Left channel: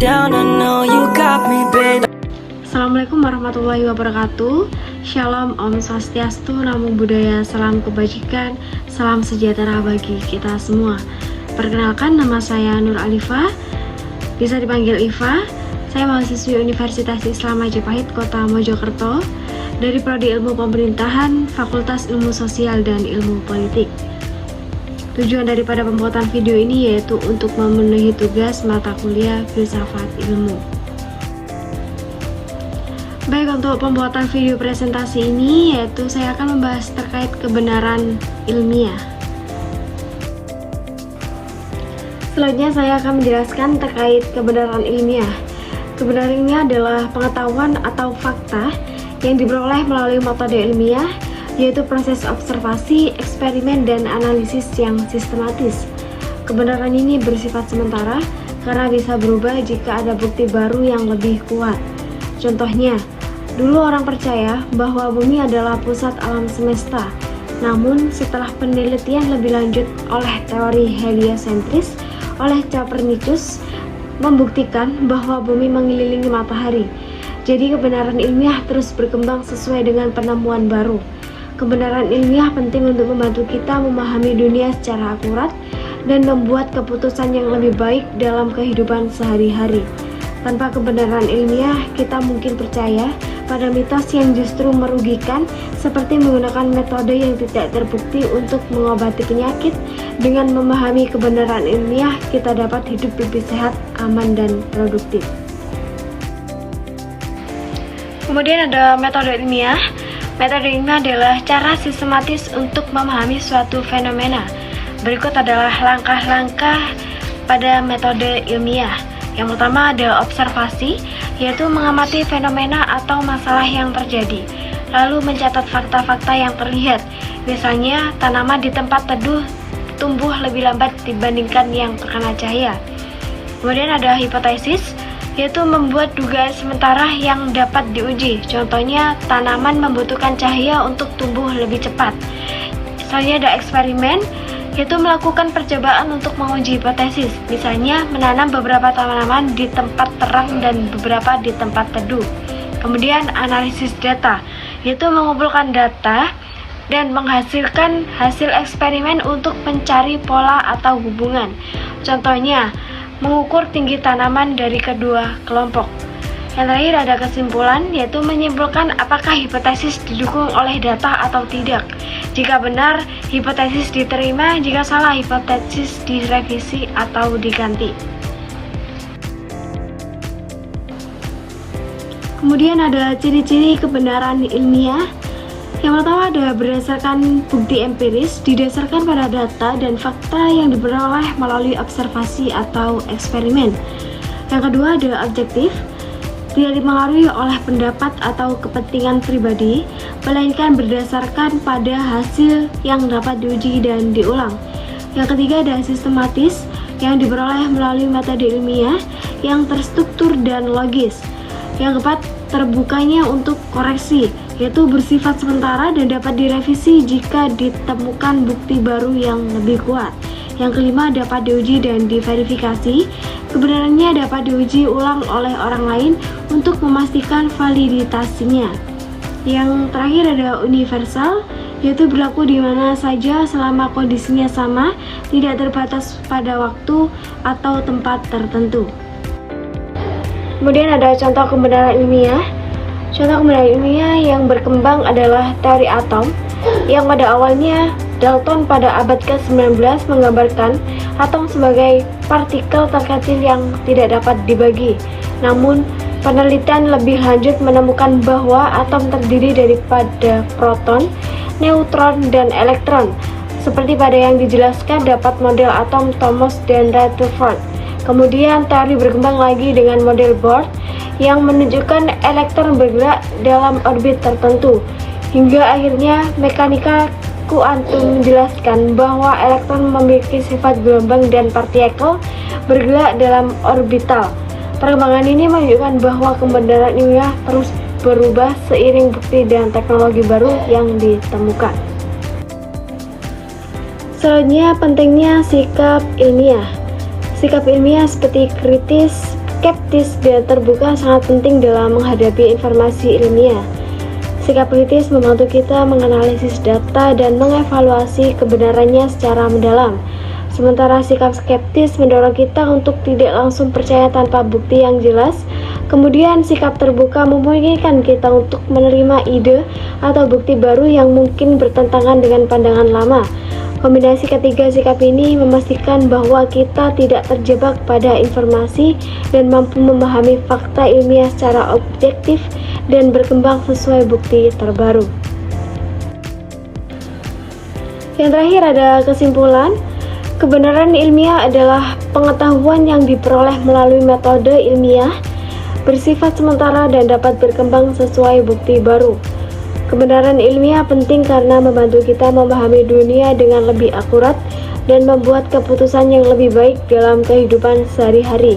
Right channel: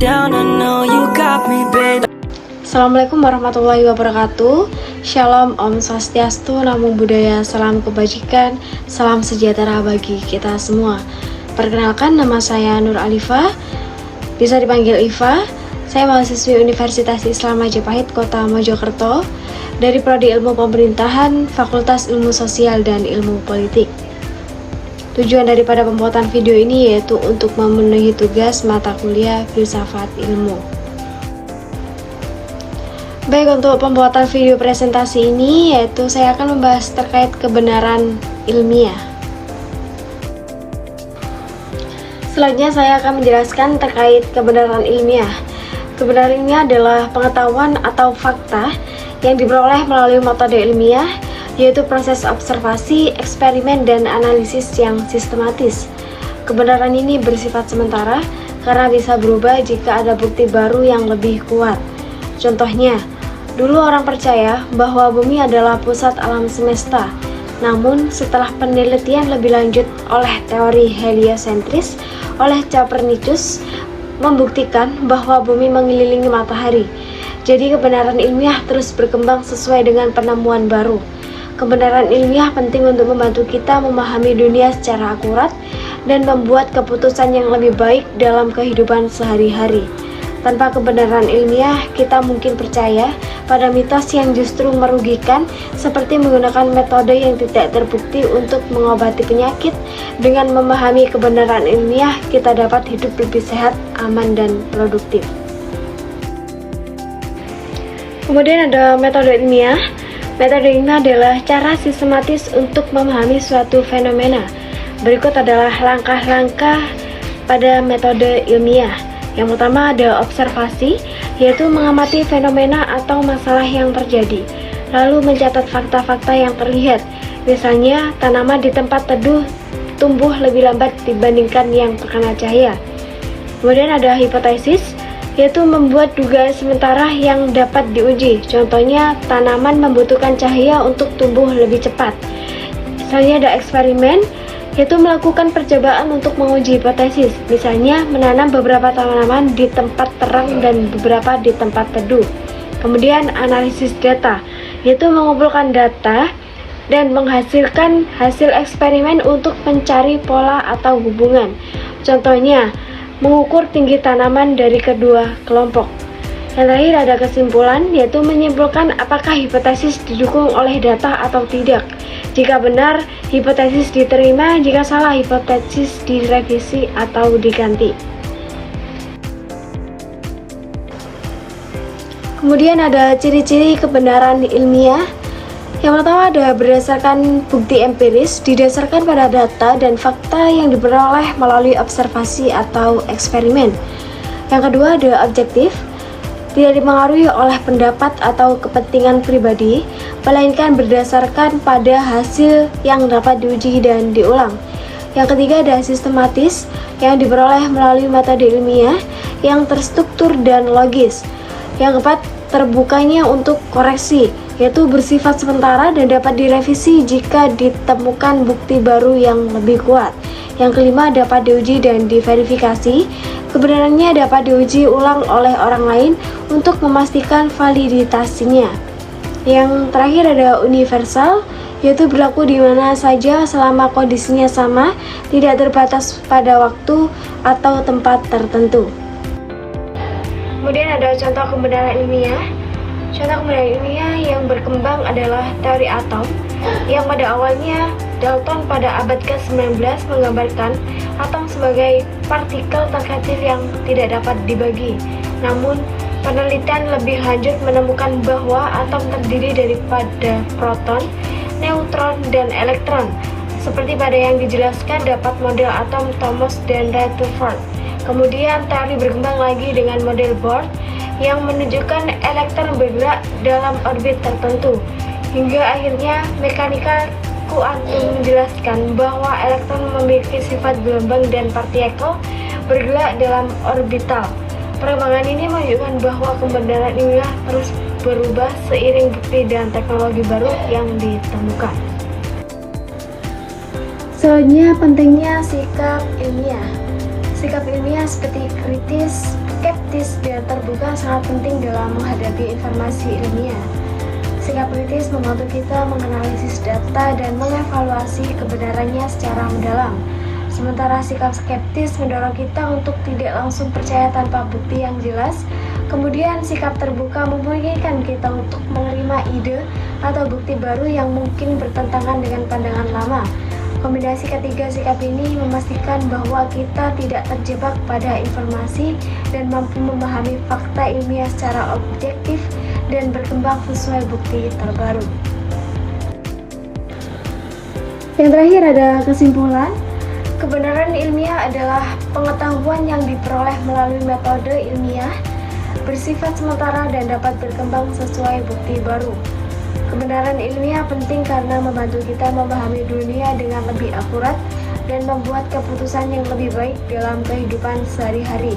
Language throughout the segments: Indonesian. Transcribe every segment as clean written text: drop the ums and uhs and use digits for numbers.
down, I know you got me, babe. Assalamualaikum warahmatullahi wabarakatuh. Shalom, Om Swastiastu, Namo Buddhaya, salam kebajikan, salam sejahtera bagi kita semua. Perkenalkan, nama saya Nur Alifa, bisa dipanggil Iva. Saya mahasiswi Universitas Islam Majapahit, Kota Mojokerto, dari Prodi Ilmu Pemerintahan, Fakultas Ilmu Sosial dan Ilmu Politik. Tujuan daripada pembuatan video ini yaitu untuk memenuhi tugas mata kuliah Filsafat Ilmu. Baik, untuk pembuatan video presentasi ini yaitu saya akan membahas terkait kebenaran ilmiah. Selanjutnya saya akan menjelaskan terkait kebenaran ilmiah. Kebenaran ilmiah adalah pengetahuan atau fakta yang diperoleh melalui metode ilmiah, yaitu proses observasi, eksperimen, dan analisis yang sistematis. Kebenaran ini bersifat sementara karena bisa berubah jika ada bukti baru yang lebih kuat. Contohnya, dulu orang percaya bahwa bumi adalah pusat alam semesta. Namun, setelah penelitian lebih lanjut oleh teori heliosentris oleh Copernicus membuktikan bahwa bumi mengelilingi matahari. Jadi, kebenaran ilmiah terus berkembang sesuai dengan penemuan baru. Kebenaran ilmiah penting untuk membantu kita memahami dunia secara akurat dan membuat keputusan yang lebih baik dalam kehidupan sehari-hari. Tanpa kebenaran ilmiah, kita mungkin percaya pada mitos yang justru merugikan, seperti menggunakan metode yang tidak terbukti untuk mengobati penyakit. Dengan memahami kebenaran ilmiah, kita dapat hidup lebih sehat, aman, dan produktif. Kemudian ada metode ilmiah. Metode ilmiah adalah cara sistematis untuk memahami suatu fenomena. Berikut adalah langkah-langkah pada metode ilmiah. Yang pertama ada observasi, yaitu mengamati fenomena atau masalah yang terjadi, lalu mencatat fakta-fakta yang terlihat. Misalnya, tanaman di tempat teduh tumbuh lebih lambat dibandingkan yang terkena cahaya. Kemudian ada hipotesis, yaitu membuat dugaan sementara yang dapat diuji. Contohnya, tanaman membutuhkan cahaya untuk tumbuh lebih cepat. Misalnya ada eksperimen, yaitu melakukan percobaan untuk menguji hipotesis. Misalnya, menanam beberapa tanaman di tempat terang dan beberapa di tempat teduh. Kemudian analisis data, yaitu mengumpulkan data dan menghasilkan hasil eksperimen untuk mencari pola atau hubungan. Contohnya, mengukur tinggi tanaman dari kedua kelompok. Yang terakhir ada kesimpulan, yaitu menyimpulkan apakah hipotesis didukung oleh data atau tidak. Jika benar, hipotesis diterima; jika salah, hipotesis direvisi atau diganti. Kemudian ada ciri-ciri kebenaran ilmiah. Yang pertama ada berdasarkan bukti empiris, didasarkan pada data dan fakta yang diperoleh melalui observasi atau eksperimen. Yang kedua ada objektif, tidak dipengaruhi oleh pendapat atau kepentingan pribadi, melainkan berdasarkan pada hasil yang dapat diuji dan diulang. Yang ketiga ada sistematis, yang diperoleh melalui metode ilmiah yang terstruktur dan logis. Yang keempat, terbukanya untuk koreksi, yaitu bersifat sementara dan dapat direvisi jika ditemukan bukti baru yang lebih kuat. Yang kelima, dapat diuji dan diverifikasi. Kebenarannya dapat diuji ulang oleh orang lain untuk memastikan validitasnya. Yang terakhir ada universal, yaitu berlaku di mana saja selama kondisinya sama, tidak terbatas pada waktu atau tempat tertentu. Kemudian ada contoh kebenaran ilmiah. Contoh kebenaran ilmiah yang berkembang adalah teori atom, yang pada awalnya Dalton pada abad ke-19 menggambarkan atom sebagai partikel terkecil yang tidak dapat dibagi. Namun, penelitian lebih lanjut menemukan bahwa atom terdiri daripada proton, neutron, dan elektron, seperti pada yang dijelaskan dapat model atom Thomas dan Rutherford. Kemudian teori berkembang lagi dengan model Bohr yang menunjukkan elektron bergerak dalam orbit tertentu. Hingga akhirnya mekanika kuantum menjelaskan bahwa elektron memiliki sifat gelombang dan partikel bergerak dalam orbital. Perkembangan ini menunjukkan bahwa kebenaran ilmiah terus berubah seiring bukti dan teknologi baru yang ditemukan. Selanjutnya, pentingnya sikap ilmiah. Sikap ilmiah seperti kritis, skeptis dan terbuka sangat penting dalam menghadapi informasi ilmiah. Sikap kritis membantu kita menganalisis data dan mengevaluasi kebenarannya secara mendalam. Sementara sikap skeptis mendorong kita untuk tidak langsung percaya tanpa bukti yang jelas. Kemudian sikap terbuka memungkinkan kita untuk menerima ide atau bukti baru yang mungkin bertentangan dengan pandangan lama. Kombinasi ketiga sikap ini memastikan bahwa kita tidak terjebak pada informasi dan mampu memahami fakta ilmiah secara objektif dan berkembang sesuai bukti terbaru. Yang terakhir ada kesimpulan. Kebenaran ilmiah adalah pengetahuan yang diperoleh melalui metode ilmiah, bersifat sementara dan dapat berkembang sesuai bukti baru. Kebenaran ilmiah penting karena membantu kita memahami dunia dengan lebih akurat dan membuat keputusan yang lebih baik dalam kehidupan sehari-hari.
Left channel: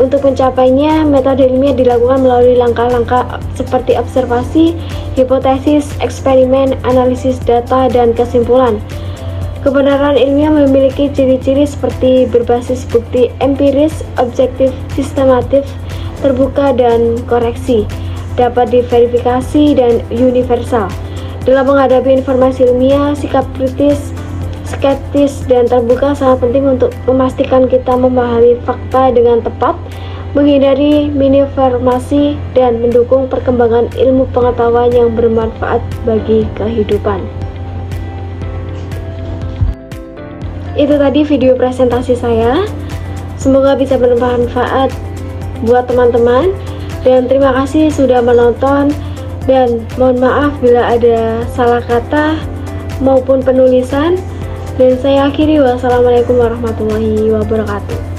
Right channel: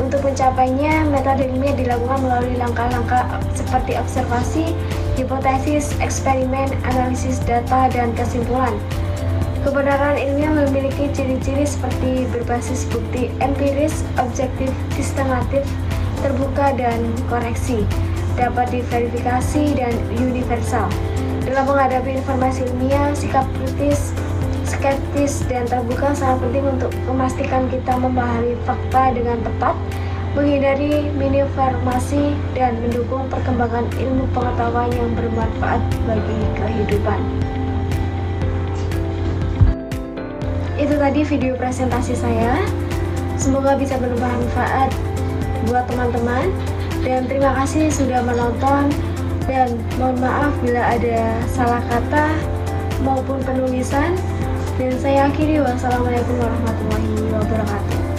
Untuk mencapainya, metode ilmiah dilakukan melalui langkah-langkah seperti observasi, hipotesis, eksperimen, analisis data, dan kesimpulan. Kebenaran ilmiah memiliki ciri-ciri seperti berbasis bukti empiris, objektif, sistematif, terbuka, dan koreksi, dapat diverifikasi, dan universal. Dalam menghadapi informasi ilmiah, sikap kritis, skeptis, dan terbuka sangat penting untuk memastikan kita memahami fakta dengan tepat, menghindari misinformasi, dan mendukung perkembangan ilmu pengetahuan yang bermanfaat bagi kehidupan. Itu tadi video presentasi saya. Semoga bisa bermanfaat buat teman-teman, dan terima kasih sudah menonton, dan mohon maaf bila ada salah kata maupun penulisan, dan saya akhiri. Wassalamualaikum warahmatullahi wabarakatuh.